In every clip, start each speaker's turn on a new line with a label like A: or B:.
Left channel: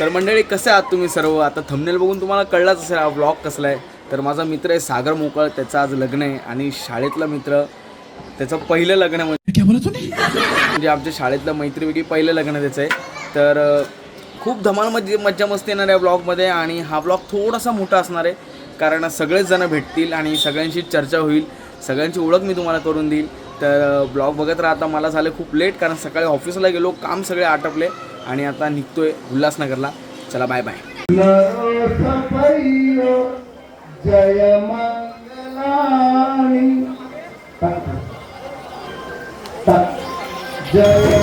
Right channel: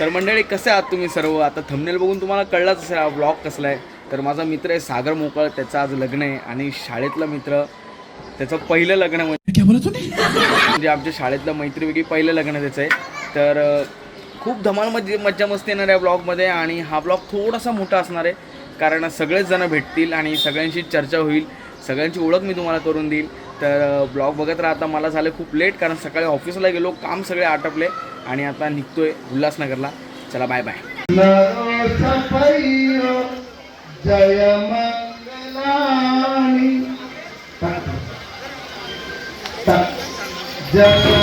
A: तर मंडळी कसे आहात तुम्ही सर्व? आता थंबनेल बघून तुम्हाला कळलाच असेल हा ब्लॉग कसला आहे. तर माझा मित्र आहे सागर मोकळ त्याचं आज लग्न आहे. आणि शाळेतला मित्र त्याचं पहिलं लग्न म्हणजे म्हणजे आमच्या शाळेतलं मैत्रीपैकी पहिलं लग्न त्याचं आहे. तर खूप धमाल मजे मज्जा मस्ती येणार आहे ब्लॉगमध्ये आणि हा ब्लॉग थोडासा मोठा असणार आहे. कारण सगळेच जण भेटतील आणि सगळ्यांशी चर्चा होईल. सगळ्यांची ओळख मी तुम्हाला करून देईल. तर ब्लॉग बघत राहता मला झालं खूप लेट कारण सकाळी ऑफिसला गेलो काम सगळे आटपले. आणि आता निघतोय उल्हासनगरला. चला बाय बाय
B: जय मंगलानी जय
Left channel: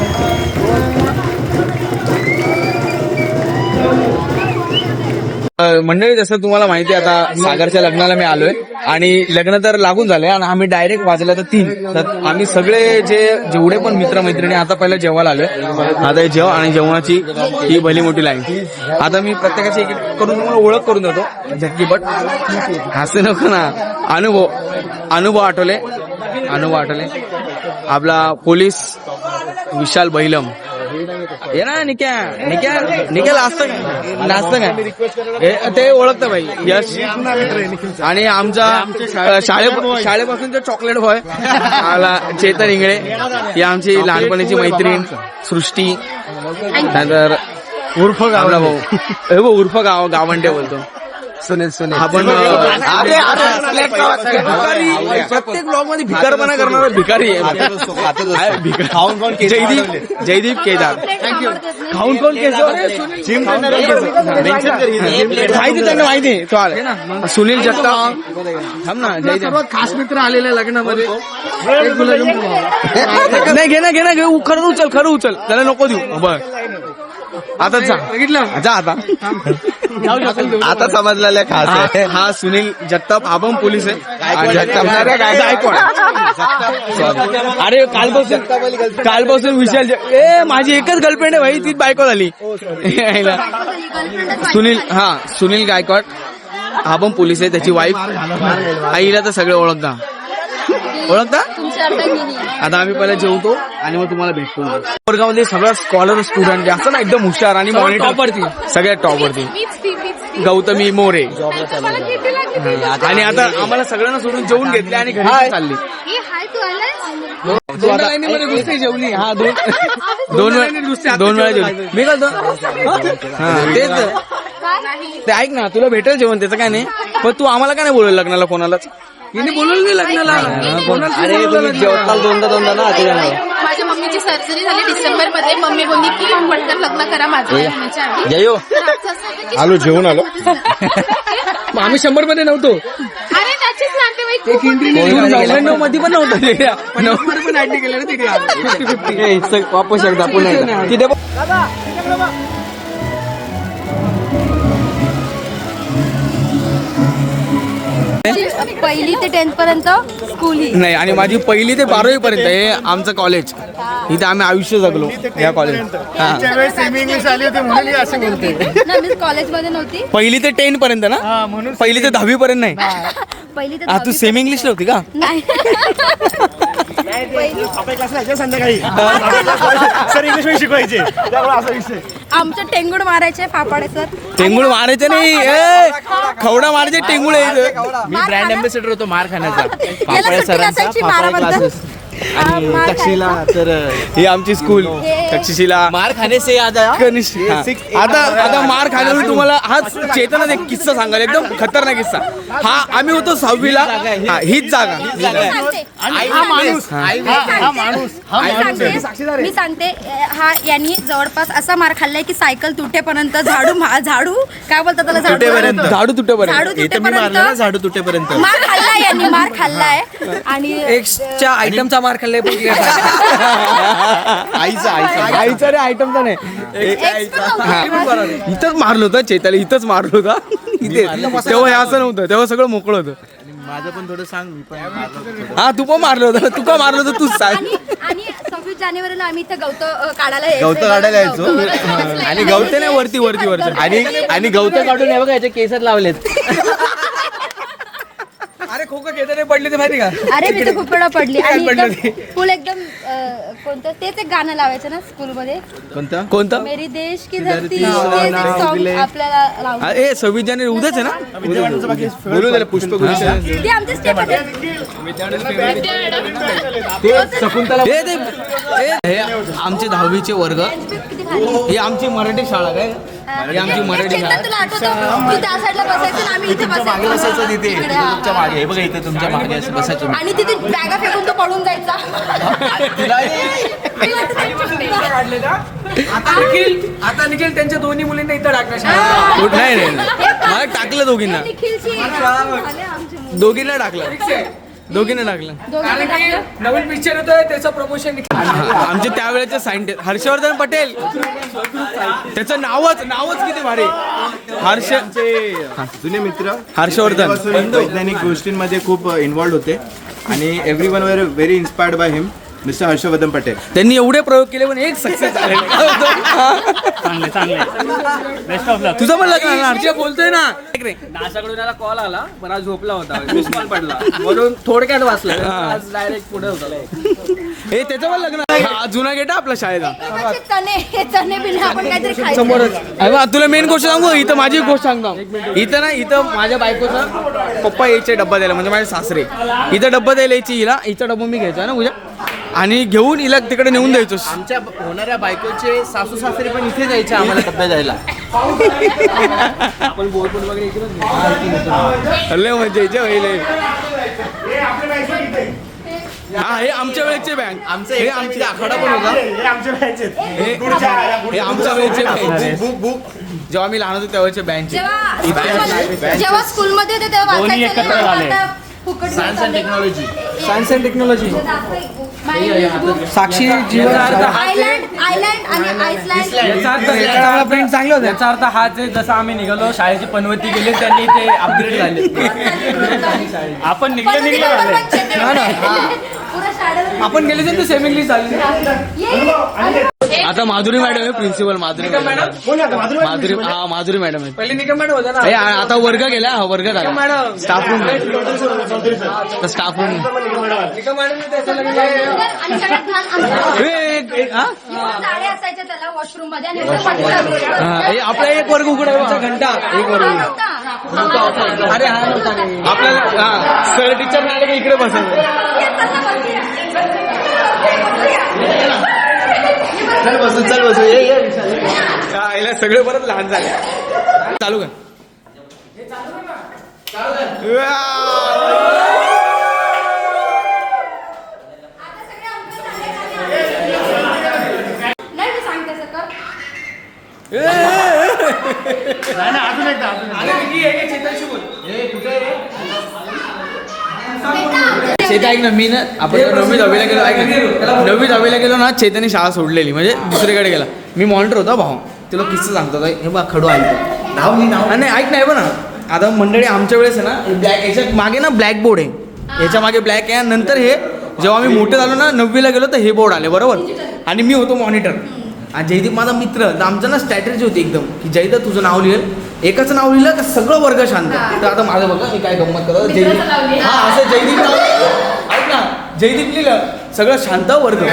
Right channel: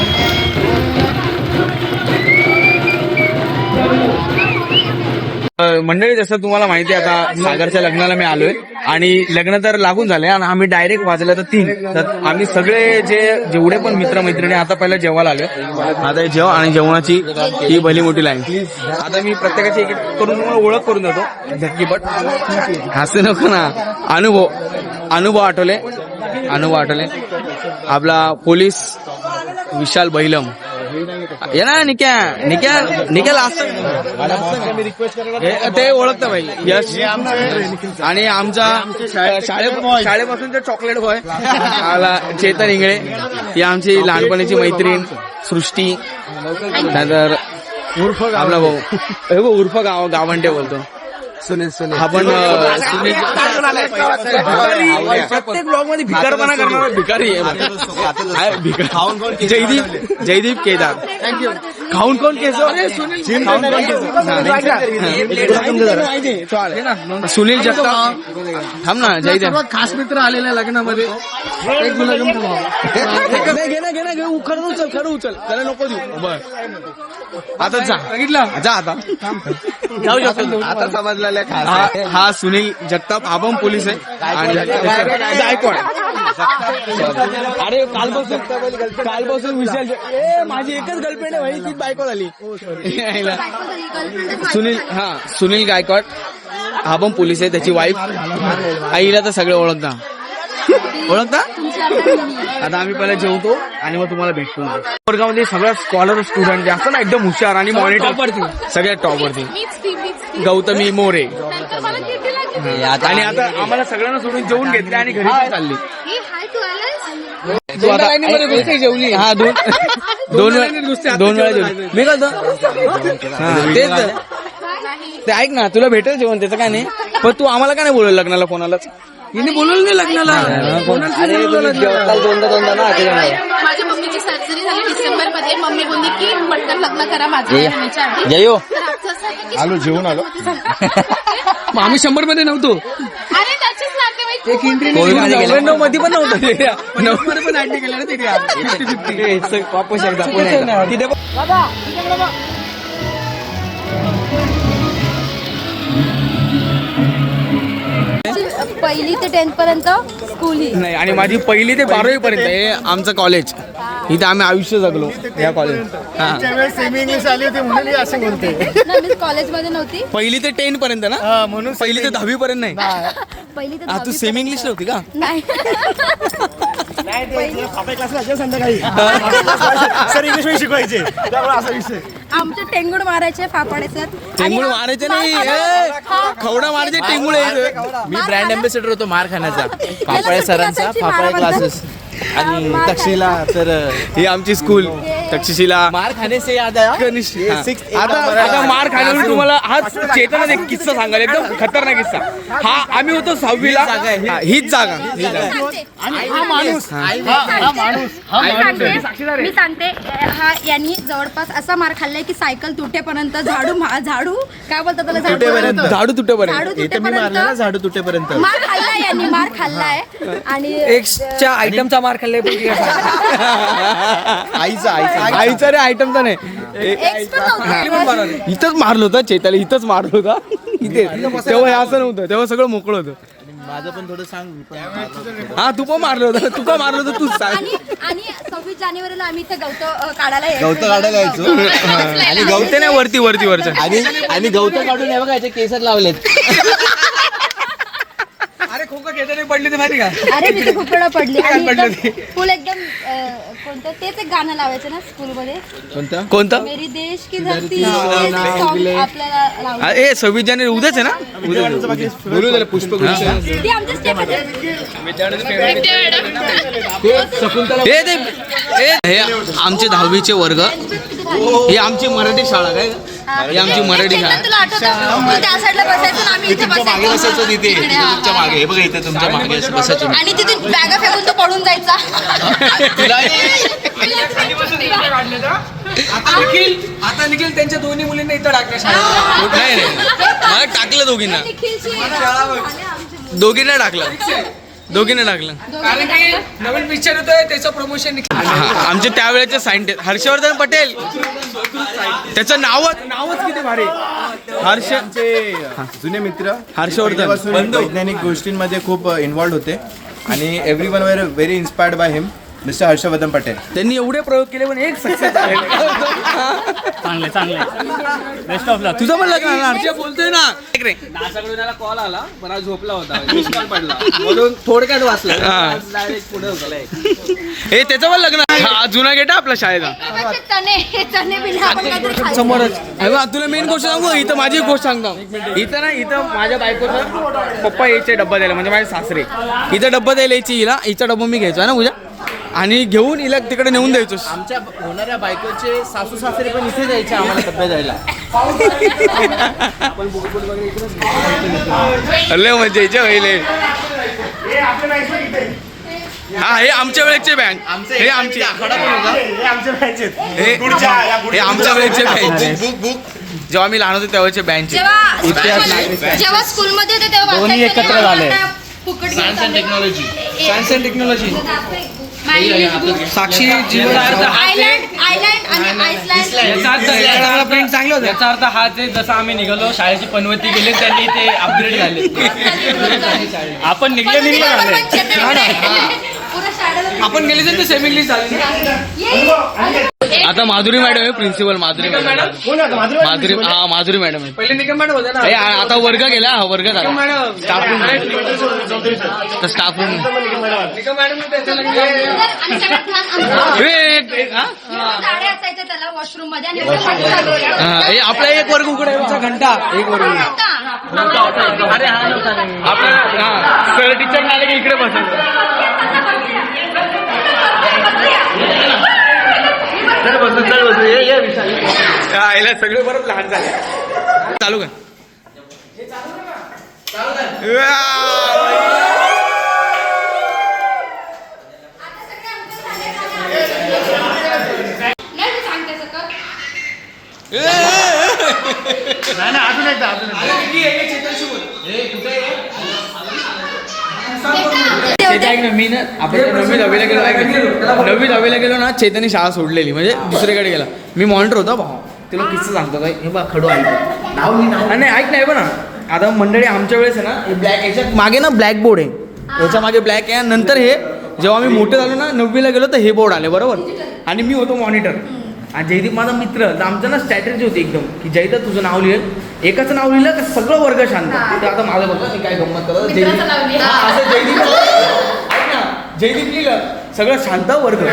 A: मंडळी जसं तुम्हाला माहिती आहे आता सागरच्या लग्नाला मी आलोय. आणि लग्न तर लागून झालंय आणि आम्ही डायरेक्ट वाजलं तर तीन. तर आम्ही सगळे जे जेवढे पण मित्रमैत्रिणी आता पहिलं जेवायला आलोय. आता जेव आणि जेवणाची ही भली मोठी लाईन आता मी प्रत्येकाची एक एक करून तुम्हाला ओळख करून देतो. झटकीपट हसू नको ना. अनुभव अनुभव आठवले. अनुभव आठवले. आपला पोलीस विशाल बैलम. ये ना निक्या निक्या निक्या नाचतं नाचतं का ते ओळखतं भाई यश. आणि आमचा शाळे शाळेपासूनचा चॉकलेट बॉय आला चेतन इंगळे. ही आमची लहानपणीची मैत्रीण सृष्टी त्यानंतर उर्फ आपला भाऊ. हे भाऊ उर्फ गाव गावंडे बोलतो.
B: सुनील सुनील
A: आपण भिकारी प्रत्येक ब्लॉगमध्ये भिकारपणा करणारा भिकारी आहे जयदीप जयदीप केदार खाऊन कोण केसो जिम खाऊन कोण केसो हा. माहिती त्यांना माहिती आहे. तो आलाय. सुनील जगताप थांब ना जयदीप
B: खास मित्र आलेल्या लग्नामध्ये.
A: नाही घे ना घे ना घे उ- खरं उचल खरं उचल त्याला नको देऊ बर आता जा.
B: बघितलं?
A: जा आता. जाऊ शकतो.
B: आता समजलेलं खास
A: हा हा सुनील जगताप हा पण पोलीस आहे. आणि गायकवाड अरे कालपासून कालपासून विशाल ज- ए माझी एकच गर्लफ्रेंड आहे भाई तीच बायको झाली. सुनील हा सुनील गायकवाड हा पण पोलीस आहे त्याची वाईफ आईला तर सगळे ओळखता. ओळखता? आता आम्ही पहिला जेवतो आणि मग तुम्हाला भेटतो. वर्गामध्ये सगळा स्कॉलर स्टुडंट असं ना एकदम हुशार आणि मॉनिटर सगळ्यात टॉपवरती गौतमी मोरे. आणि आता आम्हाला सगळ्यांना सोडून जेवून घेतले आणि घरी चालली.
C: ही हाय तू
A: आता जेवली. हा दोन दोन वेळा दोन वेळा जेवली. मी करतो? हा तेच. ते ऐक ना तुला भेटेल जेवण त्याचं काय नाही. पण तू आम्हाला काय नाही बोलवलं लग्नाला कोणालाच बोलवलं नाही लग्नाला दोनदा दोनदा ना त्याच्यामुळे.
C: माझ्या मम्मीची सर्जरी झाली डिसेंबरमध्ये मम्मी बोलली की पटकन लग्न करा माझ्या येण्याच्या आधी.
A: जयो.
C: तर आमचं असं आहे की-
B: आलो जेवून आलो. आम्ही शंभरमध्ये नव्हतो.
C: अरे त्याचेच नातेवाईक खूप होते.
A: तू नव्याण्णवमध्ये पण नव्हतं नव्वद पण ऍक्टिंग केलं ना तिथे. वापस एकदा पुन्हा एकदा. तिथे
D: पहिली ते टेन्थ पर्यंत स्कूल ही.
A: नाही आणि माझी पहिली ते बारावी पर्यंत हे आमचं कॉलेज इथे आम्ही आयुष्य जगलो या कॉलेज हा.
B: सेमी इंग्लिश आली होती म्हणून ही असे बोलते
D: ना मी कॉलेजमध्ये नव्हती.
A: पहिली ते टेन पर्यंत ना?
B: म्हणून
A: पहिली ते दहावी पर्यंत नाही.
D: पहिली ते
A: हा, तू सेमी इंग्लिश नव्हती का?
D: नाही. पहिली
B: आपल्या क्लासला संध्याकाळी. सर इंग्लिशमध्ये शिकवायचे. त्यामुळे असा विषय.
D: आमच्या टेंगुड मारायचे फापाडे सर.
A: टेंगुळ मारायचे नाही. ए, खवडा मारायचे टेंगुळ
D: मी ब्रँड
E: अम्बॅसेडर होतो मार खाण्याचा. फाफाळे
D: सुट्टी
E: सरांचा फाफाळे. क्लासेस आणि
D: मार
E: तक्षशिला तर
A: ही आमची स्कूल तक्षशिला.
E: मार खाने से याद आया?
A: हा. आता आता मार खाण्यावर तुम्हाला हा चेतनाच एक किस्सा सांगाल एकदम खतरनाक किस्सा. हा आम्ही होतो सहावीला. हा, हीच जागा. हीच जागा.
D: हा माणूस. हा. माणूस. मी सांगते हा यांनी जवळपास असा मार खाल्लाय की सायकल तुटेपर्यंत झाडू मा- झाडू काय बोलतात त्याला झाडू
E: तुटेपर्यंत.
A: झाडू तुटेपर्यंत.
D: झाडू
E: हे तर मी मारलं ना झाडू तुटेपर्यंत.
D: मार खाल्लाय यांनी मार खाल्लाय. आणि
E: एक्सच्या आयटमचा मार खाल्लाय पण आईचा आईचा.
A: आईचा रे आयटमचा नाही.
D: Ex पण नव्हतं.
A: इथंच मारलं होतं चैताली इथंच मारलं होतं. इथे. तेव्हा हे असं नव्हतं तेव्हा सगळं मोकळं होतं.
E: माझं पण थोडं सांग मी पण मारलं.
A: हा तू पण मारलं होतं. तू पण मारलं होतं तूच सांग.
D: आणि आणि सव्वीस जानेवारीला आम्ही इथे गवत काढायला यायचो.
E: गवत काढायला यायचो.
A: आणि गवते नाही वरती वरती वरती.
E: आणि आणि गवत काढून हे बघा याचे केसर लावलेत.
A: चैतन्य पडली ते माहिती का?
D: अरे मी तर खूप वेळा पडली. आणि एकदम फुल एकदम अं, कोणतं? तेच एक गाणं लावायचं ना स्कूलमध्ये
E: कोणतं?
A: कोणतं?
D: मेरी देश की धरती सॉन्ग आपल्याला
A: ए सव्वीस जानेवारी उद्याच आहे ना? उद्या. बोलू त्याला पुष्प
D: ती आमच्या स्टेप
A: ते हे आमचे दहावीचे वर्ग. ही आमची मराठी शाळा काय? ही. आमची मराठी शाळा.
D: तुला आठवतं? तू त्या साईडला बसायचं ना आम्ही इथे
E: मागे बसायचो.
D: बसायचो
E: तिथे.
D: इकडे.
E: तुमच्या मागे. हे बघा इथे तुमच्या मागे असं बसायचो.
D: आणि तिथे बॅगा फेकून तो पडून जायचा.
A: आता निखिल आता निखिल त्यांच्या दोन्ही मुलींना इथं टाकलं शाळेत. नाही नाही नाही. मला टाकलं दोघींना.
D: निखिलची.
A: दोघींना टाकलं. दोघींना टाकलं
D: दोघांना टाकलं.
A: नवीन पिक्चर येतोय त्याचं प्रमोशन आमचे त्यावेळेचे सायंटिस्ट हर्षवर्धन पटेल. त्याचं नावच नावच किती भारी. हर्ष
B: जुने मित्र
A: हर्षवर्धन.
B: पहिल्यापासून वैज्ञानिक गोष्टींमध्ये खूप इन्व्हॉल्ड होते. आणि every one where very inspired by him mister Harshvardhan Patel.
A: त्यांनी एवढे प्रयोग केले पण एक सक्सेस
F: चांगले चांगले. बेस्ट ऑफ लक
A: तुझं पण लग्न हर्ष बोलतोय ना. रे.
E: नासाकडून याला कॉल आला पण आज झोपला होता. मिस कॉल पडला. म्हणून थोडक्यात वाचलं.
A: हा.
E: आज डायरेक्ट पुढे होतलाय
A: हे त्याचं पण लग्न आहे. हा जुना गेट आहे आपला शाळेचा.
D: चणे चणे बिल आपण काहीतरी खायचं.
A: अरे वा, तुला मेन गोष्ट सांगू? इथं माझी एक गोष्ट सांगतो. इथं ना इथं माझ्या बायकोचा पप्पा यायचे डब्बा द्यायला म्हणजे माझे सासरे. इथं डब्बा द्यायला यायची हिला हिचा डब्बा मी घ्यायचा ना पूजा? आणि घेऊन हिला तिकडे नेऊन द्यायचो.
E: आमच्या होणाऱ्या बायकोचे सासू सासरे पण इथे जायचे आम्हाला डब्बे द्यायला.
A: लय मजा यायच्या पहिले हा हे आमच्या वेळेचे बँक हे आमचे. हे हे आमच्या वेळेचे बँक जेव्हा आम्ही लहान होतो तेव्हाचे बँच
D: जेव्हा स्कूलमध्ये- होते तेव्हा फुकट
E: science and technology
A: science and technology साक्षी जीवन
D: आयलँड आयलँड आणि
F: याचा अर्थ याचा अर्थ याचा अर्थ हा जे जसं आम्ही निघालो शाळेची पनवती गेले त्यांनी ते अपग्रेड झाले. आपण निघले निघले.
A: आपण गेली तर सेम इंग्लिश झाली. आता माधुरी मॅडम आहे प्रिन्सिपल माधुरी मॅडम. माधुरी हा माधुरी मॅडम आहे. पहिले निकम मॅडम हे आ- आता वर्ग गेला हा वर्ग झाला. स्टाफ रूम स्टाफ रूम
D: साडे असायच्या त्याला
A: वॉशरूममध्ये आपला एक वर्ग उघडा आहे घंटा. एक वर्ग. हा. आपल्याला सर टीचर आले की इकडे बसायचं
B: चल बस चल बस. ये ये विशाल ये.
A: याला सगळे परत लहान झाले. चालू कर.
D: नाही मी सांगते सगळं
A: चेता ऐक ना मी ना आपण नववी दहावीला गेलो ऐक ना. नववी दहावीला गेलो ना चेतानी शाळा सोडलेली. म्हणजे दुसरीकडे गेला. मी मॉनिटर होता भाऊ. तुला किस्सा सांगतो काय हे बघ खडू ऐक नाव मी नाव. नाही ऐक नाही बघ ना. आता मंडळी आमच्या वेळेस आहे ना ब्लॅक याच्यात मागे ना ब्लॅक बोर्ड आहे. याच्या मागे ब्लॅक आहे. नंतर हे जेव्हा मी मोठे झालो ना नववीला गेलो तर हे बोर्ड आले बरोबर? आणि मी होतो मॉनिटर आणि जयदीप माझा मित्र. तर आमचं ना स्ट्रॅटेजी होती एकदम की जयदीप तुझं नाव लिहिल. एकाचं नाव लिहिलं तर सगळं वर्ग शांत. तर आता माझं बघा मी काय गंमत करत. जयदीप हा असं जयदीप ऐक ना जयदीप लिहिलं सगळं शांत वर्ग.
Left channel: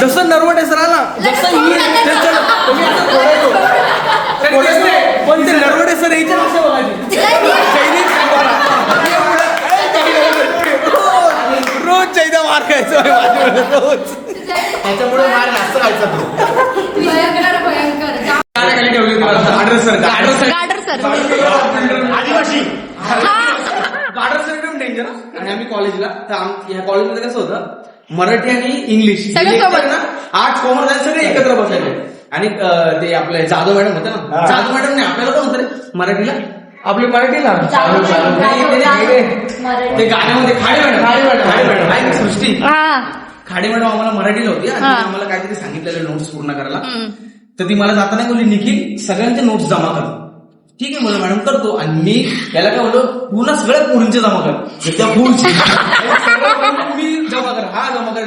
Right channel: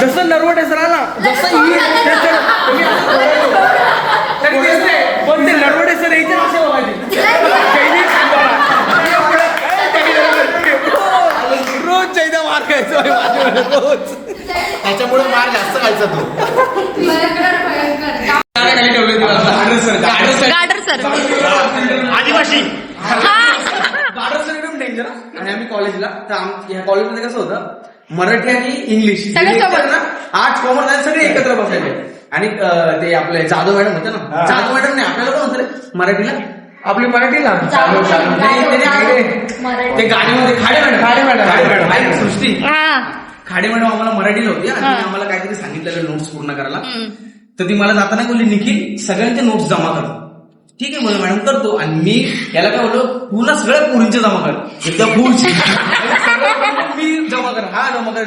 A: जसं नरवटे सर आला जसं ही. पण ते नरवटे सर यायचे असे बघायचे जयदीप? रोज- रोज जयदीप मार खायचो. माझ्याकडे, रोज.
B: त्याच्यामुळे मार जास्त खायचा तो. आदिवासी.
A: गाडर सर एकदम डेंजर आणि आम्ही कॉलेजला तर या कॉलेजमध्ये कसं होतं मराठी आणि इंग्लिश हे. ना आठ कॉमर्स आहेत सगळे एकत्र बसायचे. आणि ते आपले जाधव मॅडम होते ना जाधव मॅडम नाही आपल्याला कोण होतं रे? मराठीला? आपली मराठीला चालू चालू. नाही, ते- गाण्यामध्ये खाडे मॅडम. खाडे मॅडम. ना, सृष्टी.
D: हा.
A: खाडे मॅडम आम्हाला मराठीला होती आणि तिने आम्हाला काहीतरी सांगितलेलं नोट्स पूर्ण करायला. तर ती मला जाताना बोलली निखिल सगळ्यांचे नोट्स जमा कर. ठीक आहे म्हणून मॅडम करतो. आणि मी याला काय बोललो पूर्ण सगळ्या पोरींचे जमा कर. एकदा मी जमा कर. हा जमा कर.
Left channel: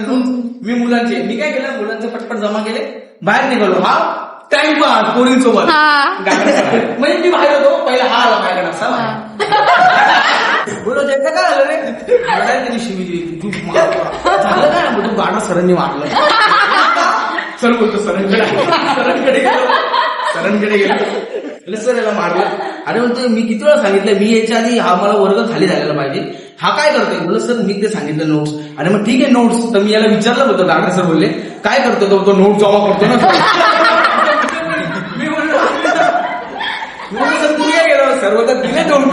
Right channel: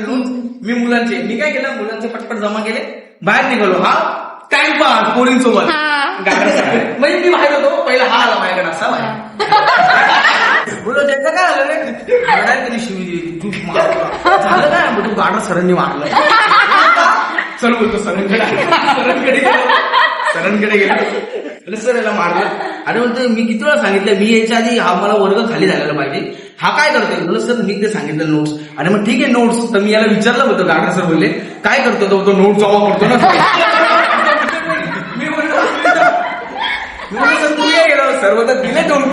A: मी मुलांचे. मी काय केलं मुलांचे पटपट जमा केले. बाहेर निघालो. हा टाइमपास पोरींसोबत
D: हा.
A: म्हणजे मी बाहेर होतो पहिला हा आला माझ्याकडे असा बाहेर. बोलतो त्याचं काय आलं रे? म्हणाल शिवी तू मारला. झालं काय? मग तू गाडा सरांनी मारलं. सर बोलतो सरांकडे सरांकडे गेलो. सरांकडे गेलो. अरे सर याला मारलं. अरे म्हणतो मी किती वेळा सांगितलं मी याच्या आधी हा मला वर्ग खाली झालेला पाहिजे. हा काय करतोय? म्हणलं सर मी ते सांगितलं नोट्स अरे मग ठीक आहे नोट्स तर मी याला विचारलं होतं गाडा सर बोलले काय करतो तो? तो नोट जमा करतो ना सर मी म्हणलं मी म्हणलं, सर तू या गेलो सर्व तर दिले दोन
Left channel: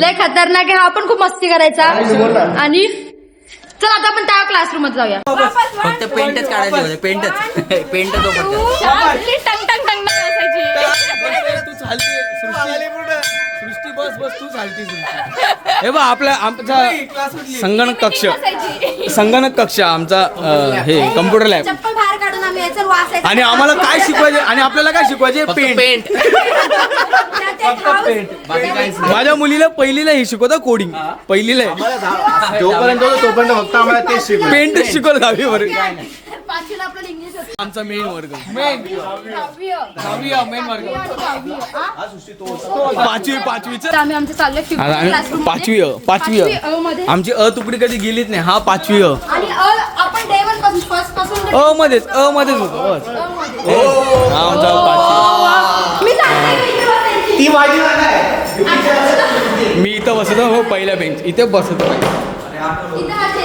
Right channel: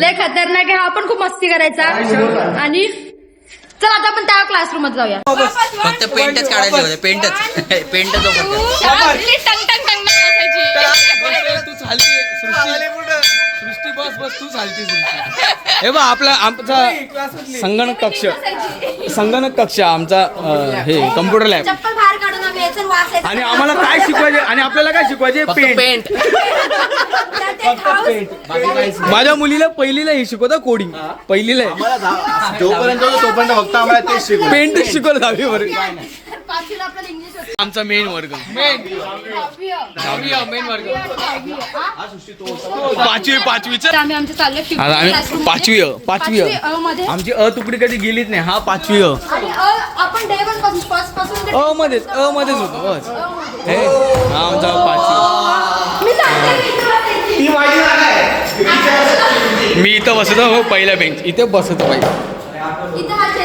D: लय खतरनाक आहे. हा पण खूप मस्ती करायचा. आणि चल आता आपण त्या क्लासरूममध्ये जाऊया.
G: फक्त पेंटच काढायचे होते. पेंटच. पेंटच
C: टंग टंग टंग
A: तू चालते सृष्टी. बस बस तू चालते सृष्टी हे बा आपला आमचा संगणक कक्ष. संगणक कक्ष आमचा अं, हे कम्प्युटर लॅब.
D: चप्पल बाहेर काढून आम्ही याचं वाचायचं
A: आणि आम्हाला काय शिकवायचे आणि आपल्याला काय शिकवायचे? पेंट.
G: पेंट.
A: माझ्या मुलीला पहिलीला हे शिकवतं कोडिंग पहिलीला. आहे.
B: जोपर्यंत होतो तोपर्यंत फक्त आम्हाला तेच शिकू
A: पेंट शिकवलं दहावीवर
D: पाचवीला आपल्याला इंग्लिश होतं.
A: आमचा मेन वर्ग. पाचवी पाचवीच?
D: तर आम्ही आमचं चाललं
A: आम्ही. पाचवी अ पाचवी अ.
D: पाचवी अ मध्ये.
A: आमची अ तुकडी कधी गेलीच नाही हा पाचवी अ.
D: आणि अ आपण पासून ते-
A: मध्येच अ मध्येच होतो बस.
D: अ मध्ये.
A: हे हा आमचा पाचवी.
D: मी सांगते.
A: मी इथं बसतो. हो पहिला बेंच इथे बसतो पाहिजे
D: इथे हा.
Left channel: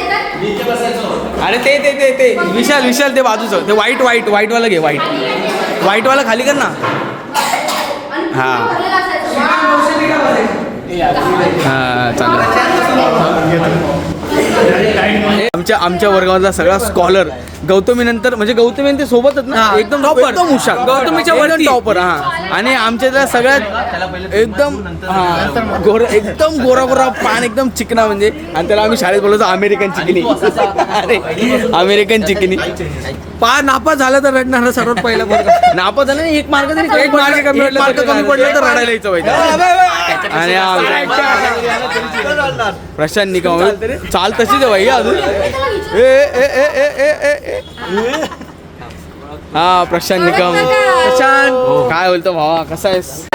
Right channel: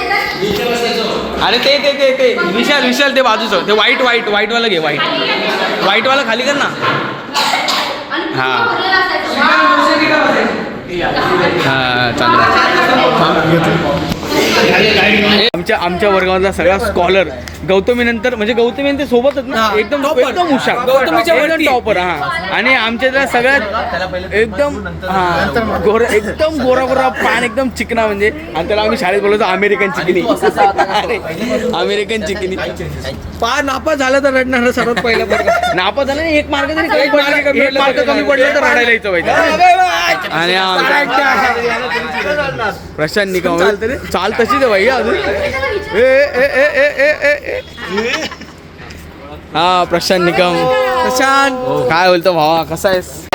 A: अरे ते ते ते ते. विशाल विशाल ते बाजूचं. ते व्हाईट व्हाईट व्हाईट वाला घे व्हाईट व्हाईट वाला खाली कर ना. हा. हा चालेल आमच्या आमच्या वर्गामधला सगळा स्कॉलर गौतमी नंतर म्हणजे गौतमी ते सोबतच ना? एकदम एकदम हुशार.
F: गौतमीच्या.
A: टॉपर हा. आणि आमच्या सगळ्यात एकदम हा गोरा एकदम गोरा गोरा पान एकदम चिकना म्हणजे. आणि त्याला आम्ही शाळेत बोलायचो अमेरिकन चिकनी. अमेरिकन चिकनी. पा नापास झालं तर रडणार सर्वात पहिला वर्ग नापास झालं एक कमी पडला एक मार्क कमी पडलं तर रडायला यायचं पाहिजे आणि प्रशांत निकम चाल तशीच आहे भाई अजून ए ए ए ए ए ए ए। हा प्रशांत निकम। प्रशांत। काय बोलतो भावा कसा आहेस?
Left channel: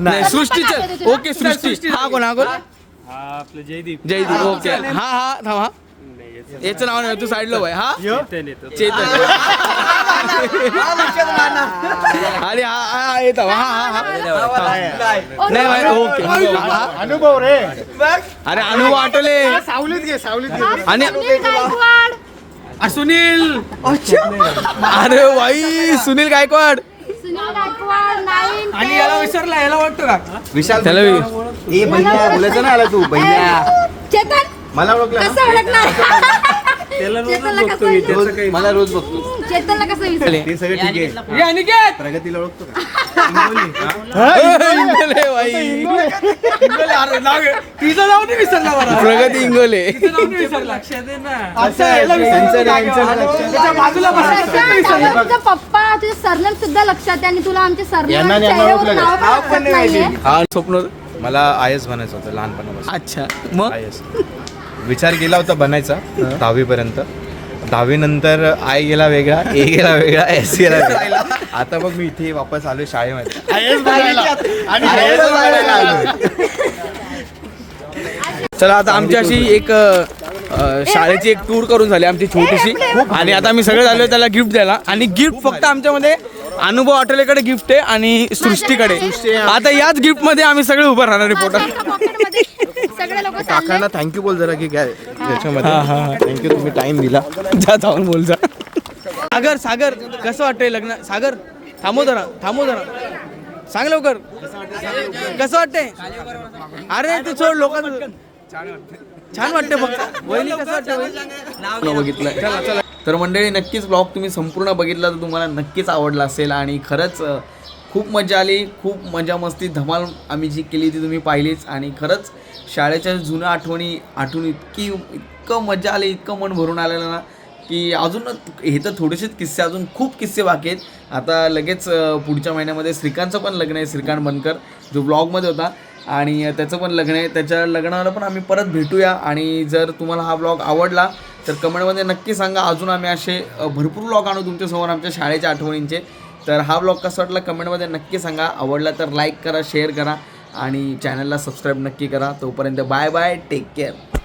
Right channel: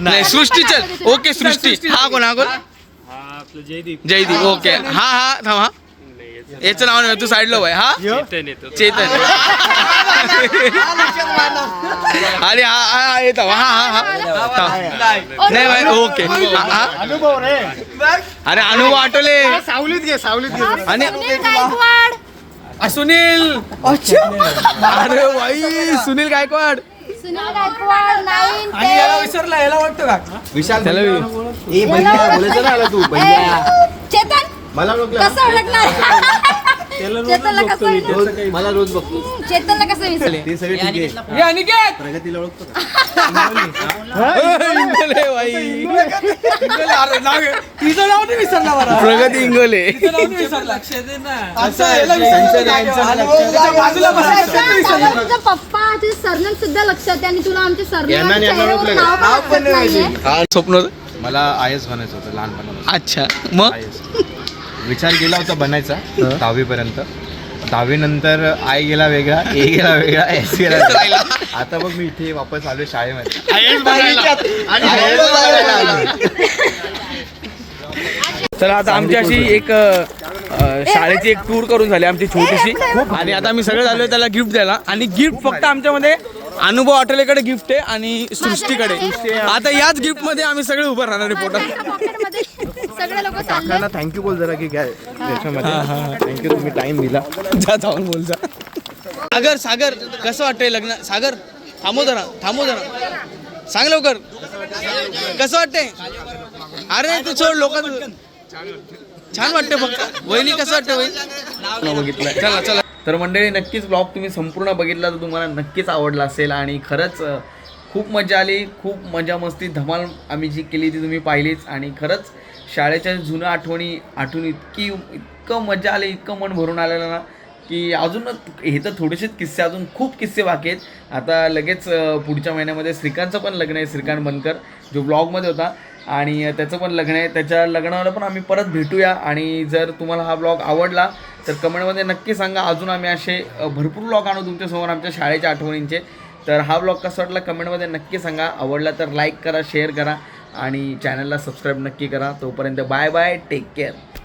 A: नाही सृष्टीच ओके सृष्टी. हा कोण हा कोण? जयदीप. ओके. हा हा थांब हा. याचं नाव नाही तू साईडला भाई हा? चेतन. अरे हा हा हा, येत हा हा हा. नाही भाई ओके. हा, हा. अरे अनुभव आठवले. आणि सुनील अरे भाई सुनील गायकवाड.
D: सुनील गायकवाड नाईन
F: आणि याला विसरला याला वाटतं का?
B: विशाल
A: त्याला
B: बोलायचं ना आला तू भैया.
D: चेतन.
B: मला ओळखलं
D: कसं ओळखणार? चेतनला कसं विसर-
B: मला रोज बघतो.
D: चेतनला कसं विसर
B: ते सगळे ठीक आहे.
F: अनिकेत
B: प्रगतीला ओळखतो का?
A: इंगोले भाई
F: तुझं नाव नाही विसरला बरं
A: प्रगती इंगोले.
F: नाव नाही विसरला. अच्छा, याला विसरला जागेवर. त्याच्या बाजूला बसायचं विसरला.
D: तुझा पप्पा तुझे सरनेम सुद्धा लक्षात आहे आणि तुला आमचे सरनेम
B: यांना
D: आणि
B: नाही
D: चेहऱ्यावर
B: ओळखलं.
D: नाव पण लक्षात नाहीये.
A: स्वप्न?
B: मला आय एस बनायचं होतं लहानपणापासून.
A: अच्छा. मग?
B: आय एस विचार केला होता बनायचा दहावीपर्यंत. दहावी नंतर आय गेला वेगळा ए गेला वेगळा एस गेला वेगळा. आता बघ मी इथे वापस आलोय शाळेमध्ये.
A: चला आता आमची अशी एक अ, शाळेची एक टूर करून झाली आमची छोटीशी. आणि आता आम्ही सगळं झालो त्याला गिफ्ट द्यायला. आणि गिफ्ट फक्त आमच्यामध्ये अनुभव आठवलेकडे गिफ्ट आहे आणि सृष्टीकडे. आता याच गिफ्टमध्ये आम्ही सगळे उभं राहणार पोटात.
D: सगळे लोक चालले
B: काकांना थँक्यू बोल जरा की काय याच्यामध्ये. थँक्यू तुम्ही टाइम दिला.
A: जा जाऊन बोल जा. सागर सागर कसं वाटतंय लग्न? सागर थांबव जरा थांबव जरा. सांग लवकर. कसं वाटतंय? अरे तू सोड लोक छान वाटतं फक्त वहिनी कसं वाटतं वहिनी? बघितलं चला चला. तर मंडळी नक्कीच ब्लॉग तुम्ही संपूर्ण बघितला तर तुम्हाला नक्कीच आवडला असेल. आणि खरंच खूप मजा आली खूप मजा मस्ती धमाल आम्ही जी केली ती तुम्ही पाहिलीच. आणि खरंच शाळेच्या जुन्या आठवणी आठवून इतकी इतकं मजा आली इतकं मन भरून आलेलं ना की अजून हे तर थोडेसेच किस्से अजून खूप किस्से बाकी आहेत. आता लगेच पुढच्या महिन्यामध्ये श्रीकांतचं पण लग्न आहे श्रीकांत बनकर जो ब्लॉगमध्ये होता. आणि त्याचं पण लग्न आहे. त्याच्या लग्नाला पण आम्ही परत भेटूया. आणि जर तुम्हाला हा ब्लॉग आवडला तर कमेंटमध्ये नक्की सांगा. अजून आम्ही असे भरपूर ब्लॉग आणू तुमच्यासमोर आमच्या शाळेच्या आठवणींचे. तर हा ब्लॉग कसा वाटला कमेंटमध्ये नक्की सांगा. आवडला तर लाईक करा शेअर करा. आणि चॅनलला सबस्क्राईब नक्की करा. तोपर्यंत बाय बाय टेक केअर